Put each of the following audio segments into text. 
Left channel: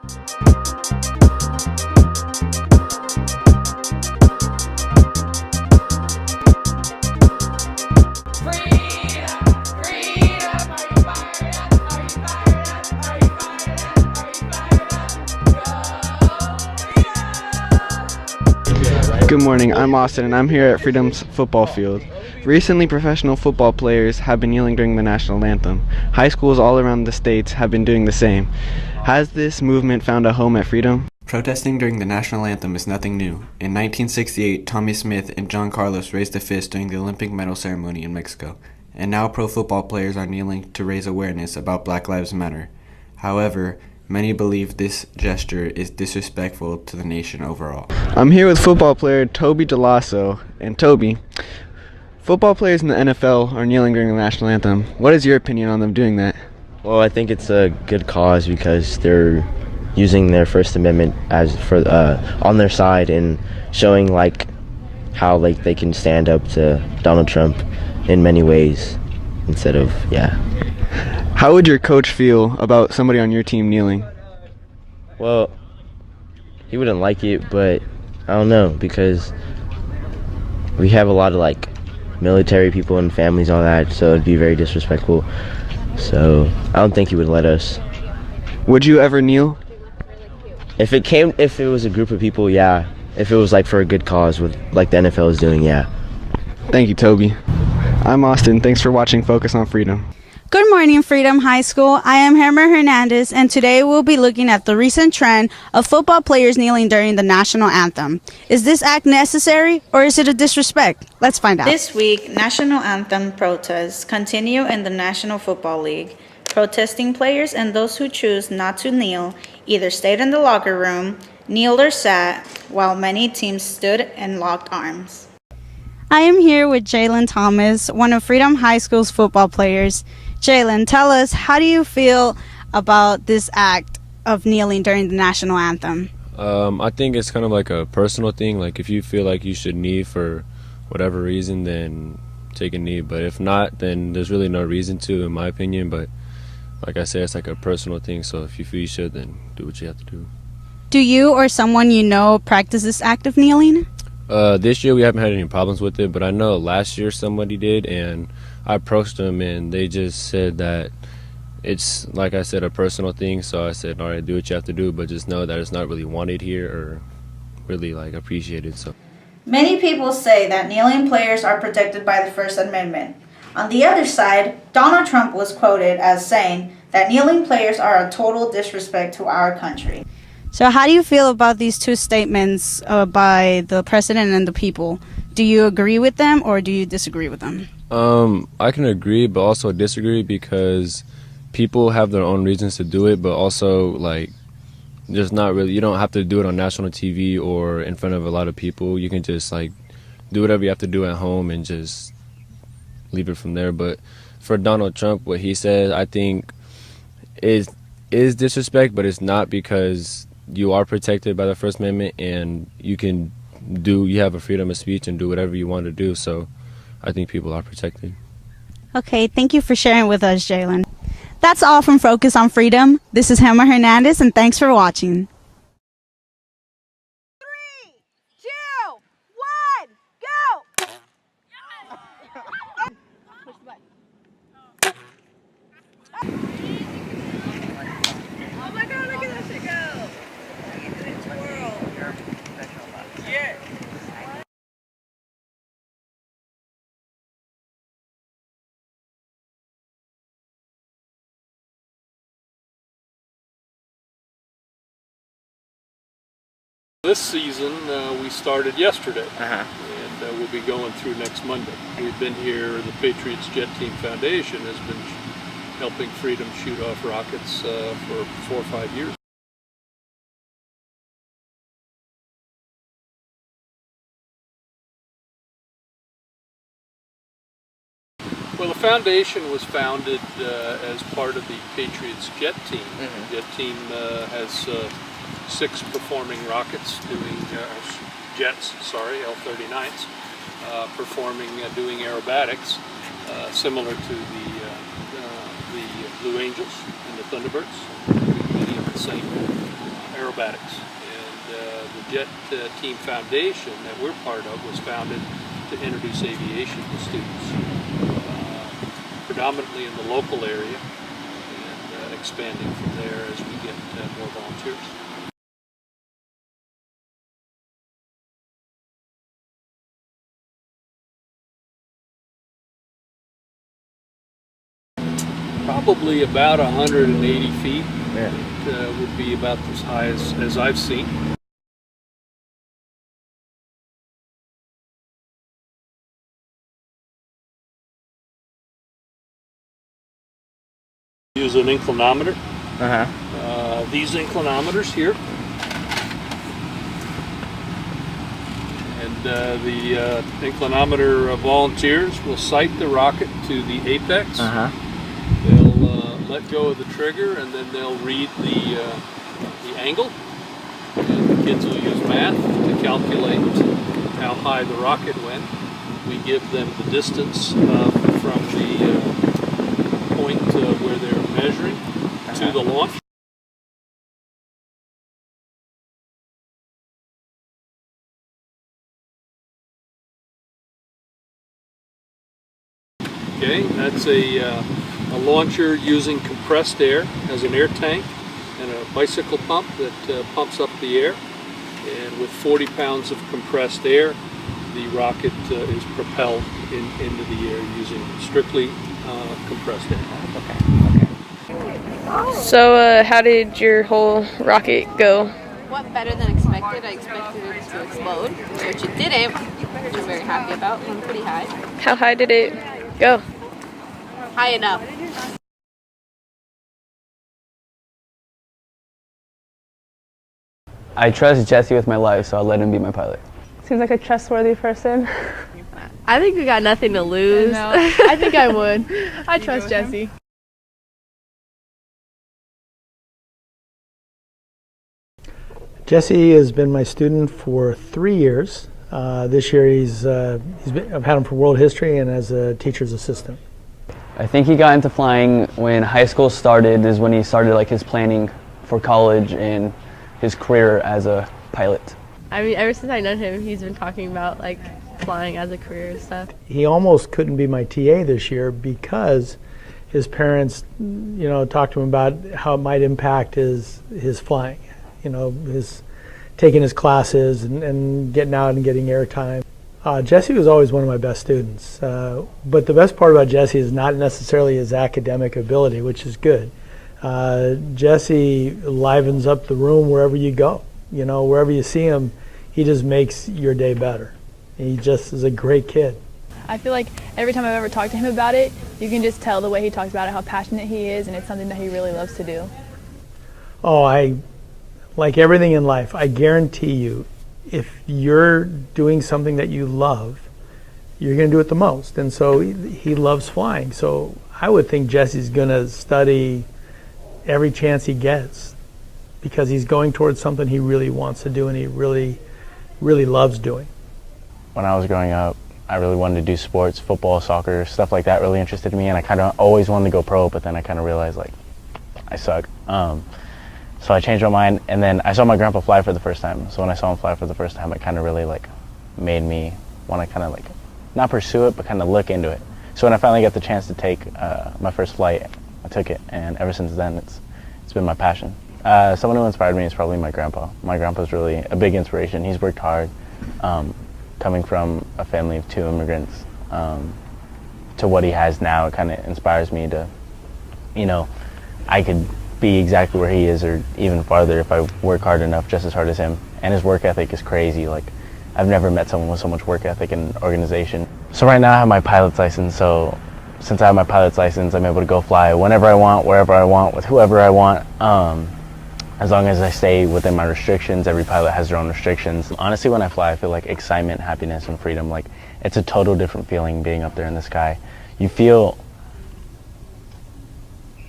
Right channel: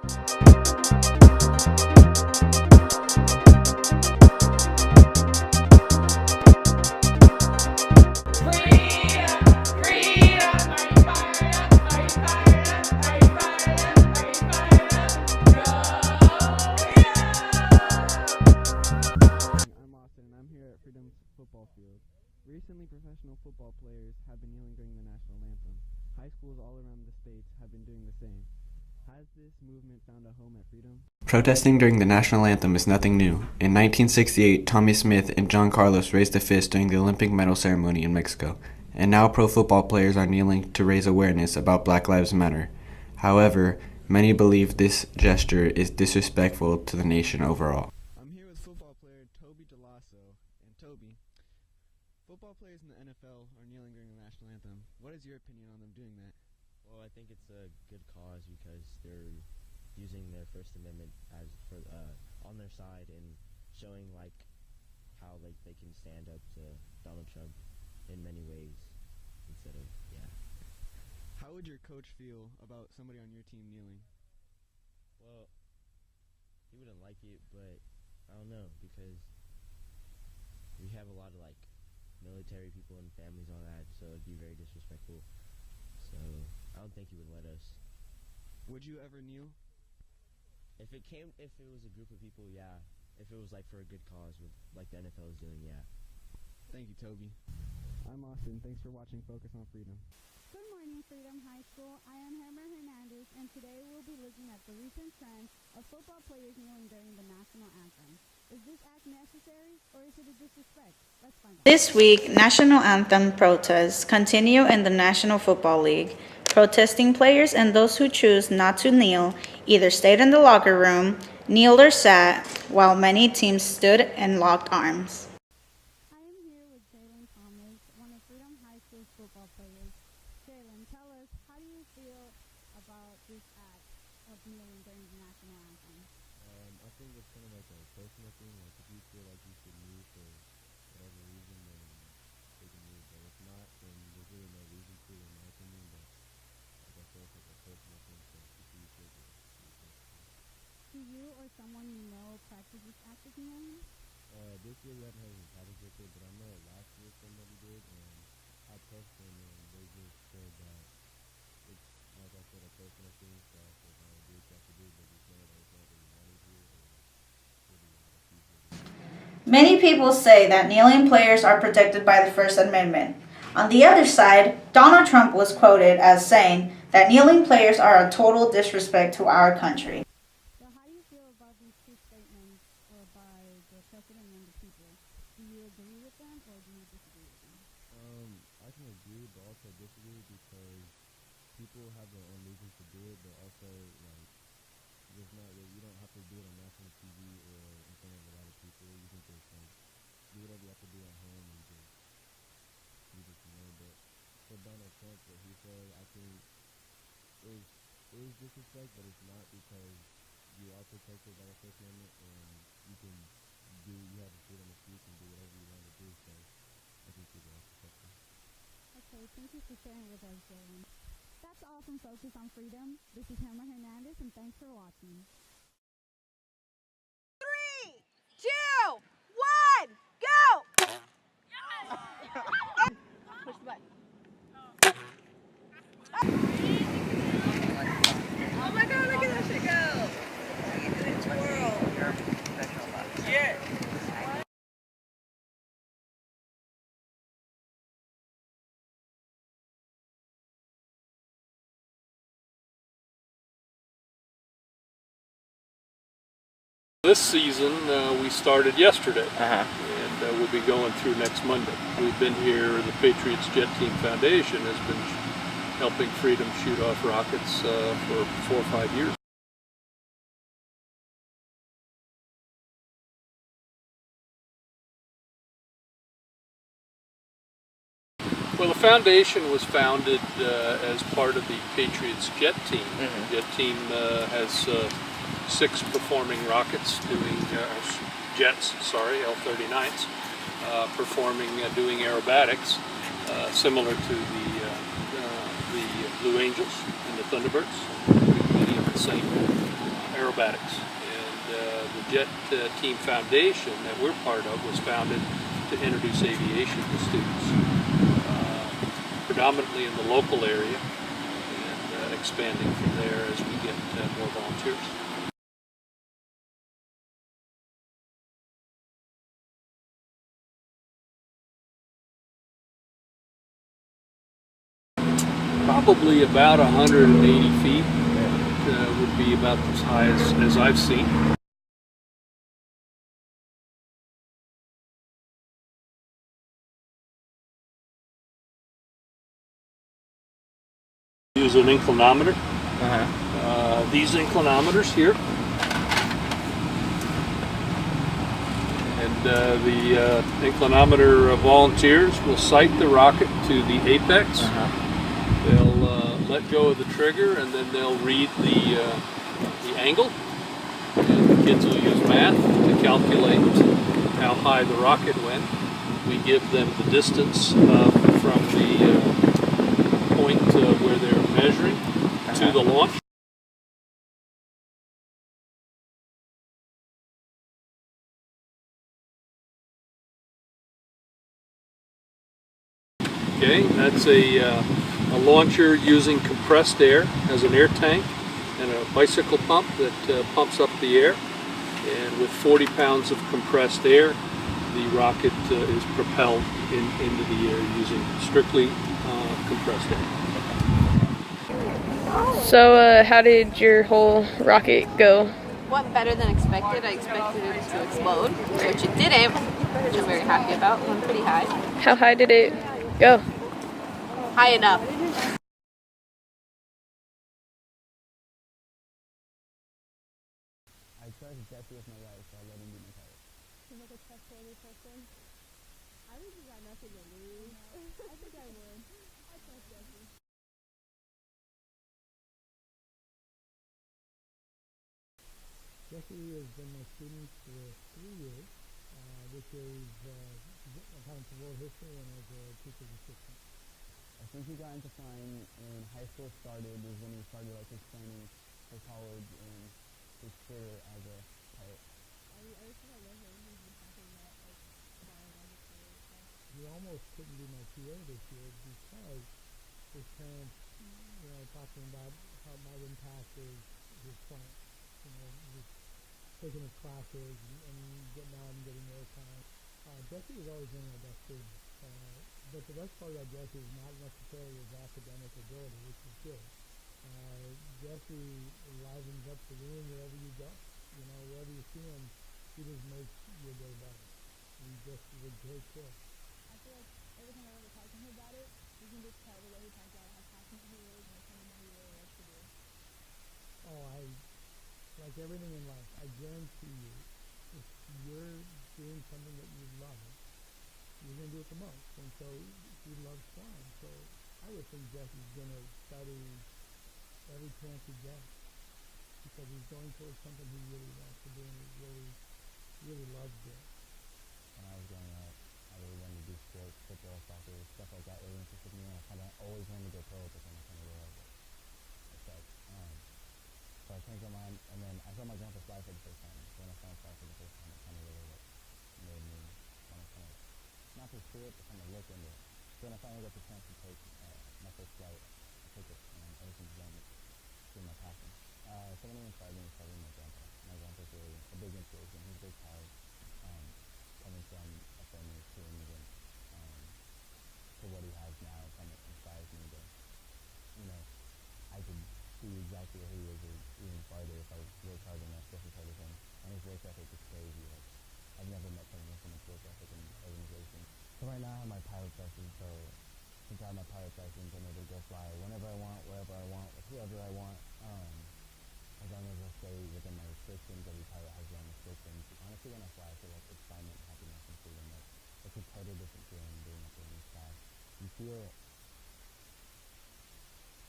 Good morning, I'm Austin and I'm here at Freedom's football field. Recently, professional football players have been kneeling during the national anthem. High schools all around the states have been doing the same. Has this movement found a home at Freedom? Protesting during the national anthem is nothing new. In 1968, Tommy Smith and John Carlos raised a fist during the Olympic medal ceremony in Mexico. And now pro football players are kneeling to raise awareness about Black Lives Matter. However, many believe this gesture is disrespectful to the nation overall. I'm here with football player Toby DeLasso. And Toby, football players in the NFL are kneeling during the national anthem. What is your opinion on them doing that? Well, I think it's a good cause because they're using their First Amendment as for on their side and showing how they can stand up to Donald Trump in many ways instead of How would your coach feel about somebody on your team kneeling? Well, he wouldn't like it, but I don't know because we have a lot of military people and families and all that, so it'd be very disrespectful. So I don't think he would let us. Would you ever kneel? If it was a group of people, yeah. If it was for a good cause with the NFL is doing, yeah. Thank you, Toby. I'm Austin. Thanks for watching Focus on Freedom. Good morning, Freedom High School. I am Hermer Hernandez, and today we'll be looking at the recent trend of football players kneeling during the national anthem. Is this act necessary, or is it a disrespect? Let's find out. This week, national anthem protests continue in the National Football League. Protesting players and those who choose not to kneel either stayed in the locker room, kneeled or sat, while many teams stood and locked arms. I am here with Jalen Thomas, one of Freedom High School's football players. Jalen, tell us, how do you feel about this act of kneeling during the national anthem? I think it's kind of like a personal thing. If you feel like you should kneel for whatever reason, then take a knee. But if not, then there's really no reason to, in my opinion. But like I said, it's a personal thing. So if you feel you should, then do what you have to do. Do you or someone you know practice this act of kneeling? This year we haven't had any problems with it, but I know last year somebody did, and I approached them and they just said that it's, like I said, a personal thing. So I said, all right, do what you have to do, but just know that it's not really wanted here or really appreciated. So Many people say that kneeling players are protected by the First Amendment. On the other side, Donald Trump was quoted as saying that kneeling players are a total disrespect to our country. So how do you feel about these two statements by the president and the people? Do you agree with them or do you disagree with them? I can agree but also disagree because people have their own reasons to do it, but also there's not really, you don't have to do it on national TV or in front of a lot of people. You can just do whatever you have to do at home and just leave it from there. But for Donald Trump, what he said, I think is disrespect, but it's not, because you are protected by the First Amendment and you have a freedom of speech and do whatever you want to do. So I think people are protected. Okay, thank you for sharing with us, Jalen. That's all from Focus on Freedom. This is Hermer Hernandez, and thanks for watching. 3, 2, 1, go! Push the button. Oh my God, look at that shit go! Look at it twirl. Yeah. This season, we started yesterday, and we'll be going through next Monday. We've been here, the Patriots Jet Team Foundation has been helping Freedom shoot off rockets for 4 or 5 years. Well, the foundation was founded as part of the Patriots Jet Team. The Jet Team has 6 performing rockets L-39s, doing aerobatics, similar to the Blue Angels and the Thunderbirds. Many of the same acrobatics. And the Jet Team Foundation that we're part of was founded to introduce aviation to students, predominantly in the local area, and expanding from there as we get more volunteers. Probably about 180 feet. It would be about as high as I've seen. Use an inclinometer. These inclinometers here. And the inclinometer volunteers will sight the rocket to the apex. They'll let go of the trigger, and then they'll read the angle. And the kids will use math to calculate how high the rocket went. We give them the distance from the point where they're measuring to the launch. Okay, that's a launcher using compressed air as an air tank and a bicycle pump that pumps up the air. And with 40 pounds of compressed air, the rocket is propelled into the air using strictly compressed air. So how did your whole rocket go? Went better than expected. I expected it to explode, which it didn't, which I'm very happy about. Went pretty high. How high did it go? High enough. I trust Jesse with my life, so I'll let him be my pilot. Seems like a trustworthy person. I think we got nothing to lose. I think I would. I trust Jesse. Jesse has been my student for 3 years. This year I've had him for world history and as a teacher's assistant. I think he got into flying when high school started, is when he started like his planning for college and his career as a pilot. I mean, ever since I known him, he's been talking about like flying as a career and stuff. He almost couldn't be my TA this year because his parents, talked to him about how it might impact his flying, his taking his classes and getting out and getting airtime. Jesse was always one of my best students, but the best part about Jesse is not necessarily his academic ability, which is good. Jesse livens up the room wherever you go. Wherever you see him, he just makes your day better. He just is a great kid. I feel like every time I've ever talked to him about it, you can just tell the way he talks about it, how passionate he is, and it's something that he really loves to do. Oh, like everything in life, I guarantee you, if you're doing something that you love, you're going to do it the most. And so he loves flying. So I would think Jesse's going to study every chance he gets because he's going towards something he really wants to do and he really, really loves doing. When I was growing up, I really wanted to do sports, football, soccer, stuff like that really interested me, and I kind of always wanted to go pro, but then I kind of realized like I suck. So I changed my mind, and then I saw my grandpa fly for the first time. So when I saw him fly for the first time, it kind of really like made me want to kind of like not pursue it, but kind of look into it. So when I finally got the chance to take my first flight, I took it, and ever since then it's been my passion. Someone who inspired me is probably my grandpa. My grandpa's really a big inspiration. He's worked hard, coming from a family of 2 immigrants to what he has now. It kind of inspires me to, I could be exactly where he is or even farther if I work hard enough, just as hard as him. And his work ethic is crazy. Like, I've never met someone with so much work ethic in an organization. So right now I have my pilot's license, so since I have my pilot's license, I'm able to go fly whenever I want, wherever I want, with whoever I want, as long as I stay within my restrictions. Every pilot has their own restrictions. Honestly, when I fly, I feel like excitement, happiness, and freedom. Like, it's a total different feeling being up there in the sky. You feel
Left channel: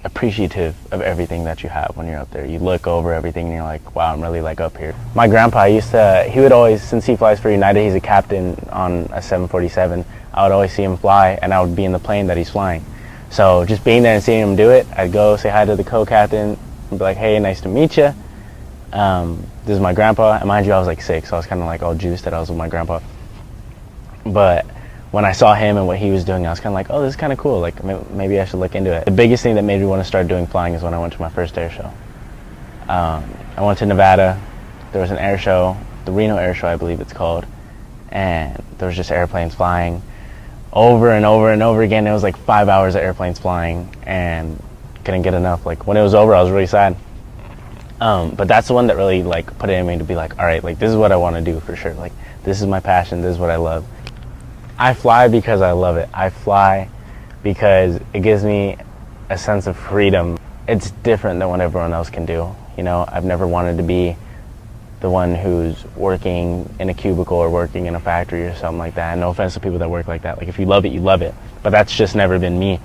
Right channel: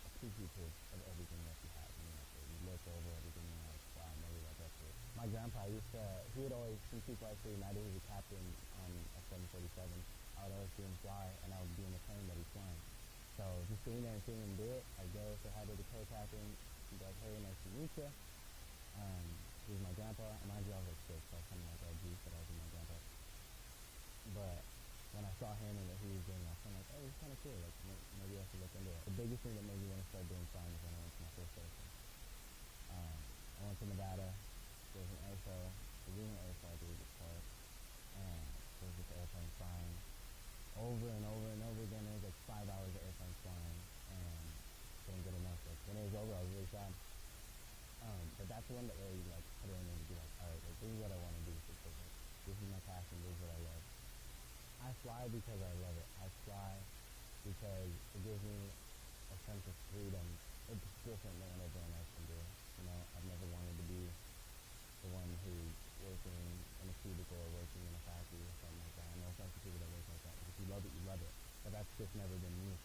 appreciative of everything that you have when you're up there. You look over everything and you're like, wow, I'm really like up here. My grandpa he would always, since he flies for United, he's a captain on a 747, I would always see him fly and I would be in the plane that he's flying. So just being there and seeing him do it, I'd go say hi to the co-captain and be like, hey, nice to meet you. This is my grandpa, and mind you, I was like 6, so I was kind of like all juiced that I was with my grandpa. But when I saw him and what he was doing, I was kind of like, oh, this is kind of cool. Like, maybe I should look into it. The biggest thing that made me want to start doing flying is when I went to my first air show. I went to Nevada. There was an air show, the Reno Air Show, I believe it's called, and there was just airplanes flying over and over and over again. It was like 5 hours of airplanes flying, and couldn't get enough. Like, when it was over, I was really sad. But that's the one that really like put it in me to be like, all right, like this is what I want to do for sure. Like, this is my passion. This is what I love. I fly because I love it. I fly because it gives me a sense of freedom. It's different than what everyone else can do. You know, I've never wanted to be the one who's working in a cubicle or working in a factory or something like that. And no offense to people that work like that. Like, if you love it, you love it. But that's just never been me.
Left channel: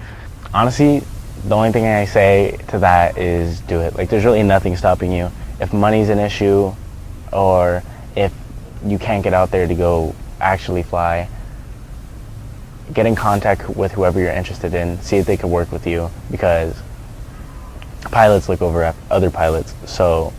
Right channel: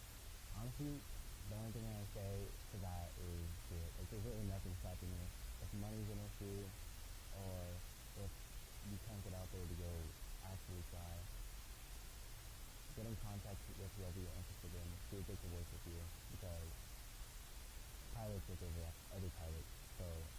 Honestly, the only thing I say to that is do it. Like, there's really nothing stopping you. If money's an issue, or if you can't get out there to go actually fly, get in contact with whoever you're interested in, see if they can work with you, because pilots look over at other pilots. So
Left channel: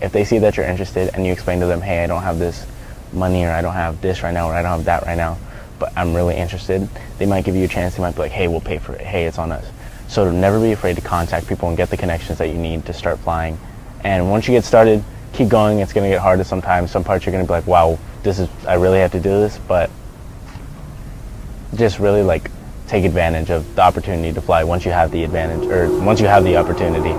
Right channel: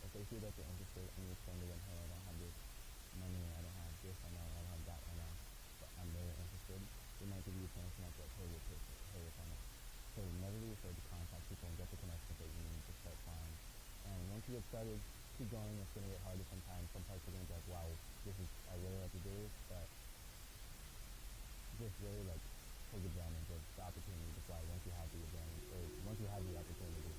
if they see that you're interested and you explain to them, hey, I don't have this money, or I don't have this right now, or I don't have that right now, but I'm really interested, they might give you a chance. They might be like, hey, we'll pay for it. Hey, it's on us. So never be afraid to contact people and get the connections that you need to start flying. And once you get started, keep going. It's going to get harder sometimes. Some parts you're going to be like, wow, I really have to do this, but just really like take advantage of the opportunity to fly once you have the advantage, or once you have the opportunity.